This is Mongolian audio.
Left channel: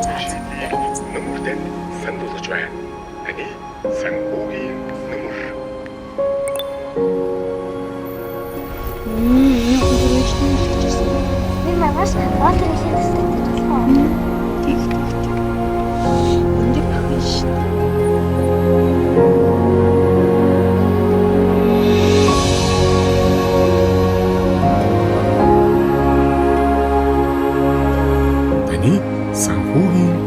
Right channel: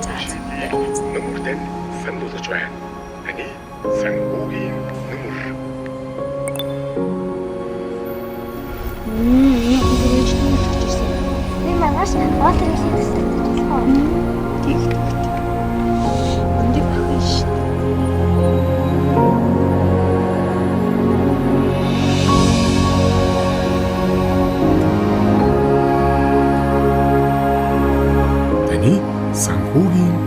자주 여러 가지. nummerden 선도서주한 아니 상고긴 number. Я буду речь не часа. Bilmem Atari istek falan. Тих. Önce işte. 아니 상고긴